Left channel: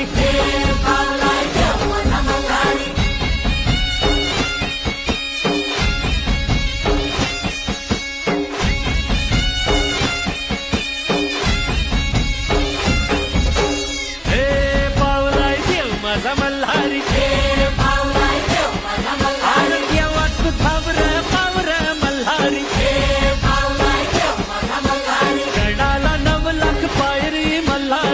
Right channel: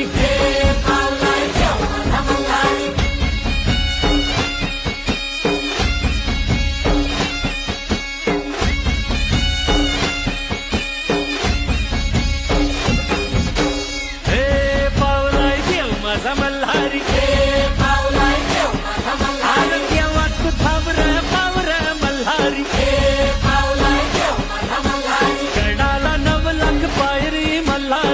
मल्हारी हे पावलाय देव माझा मल्हारी आरोग्यावात थांबर पावर मल्हारी गडाला 9 लाख पायरी मल्हारी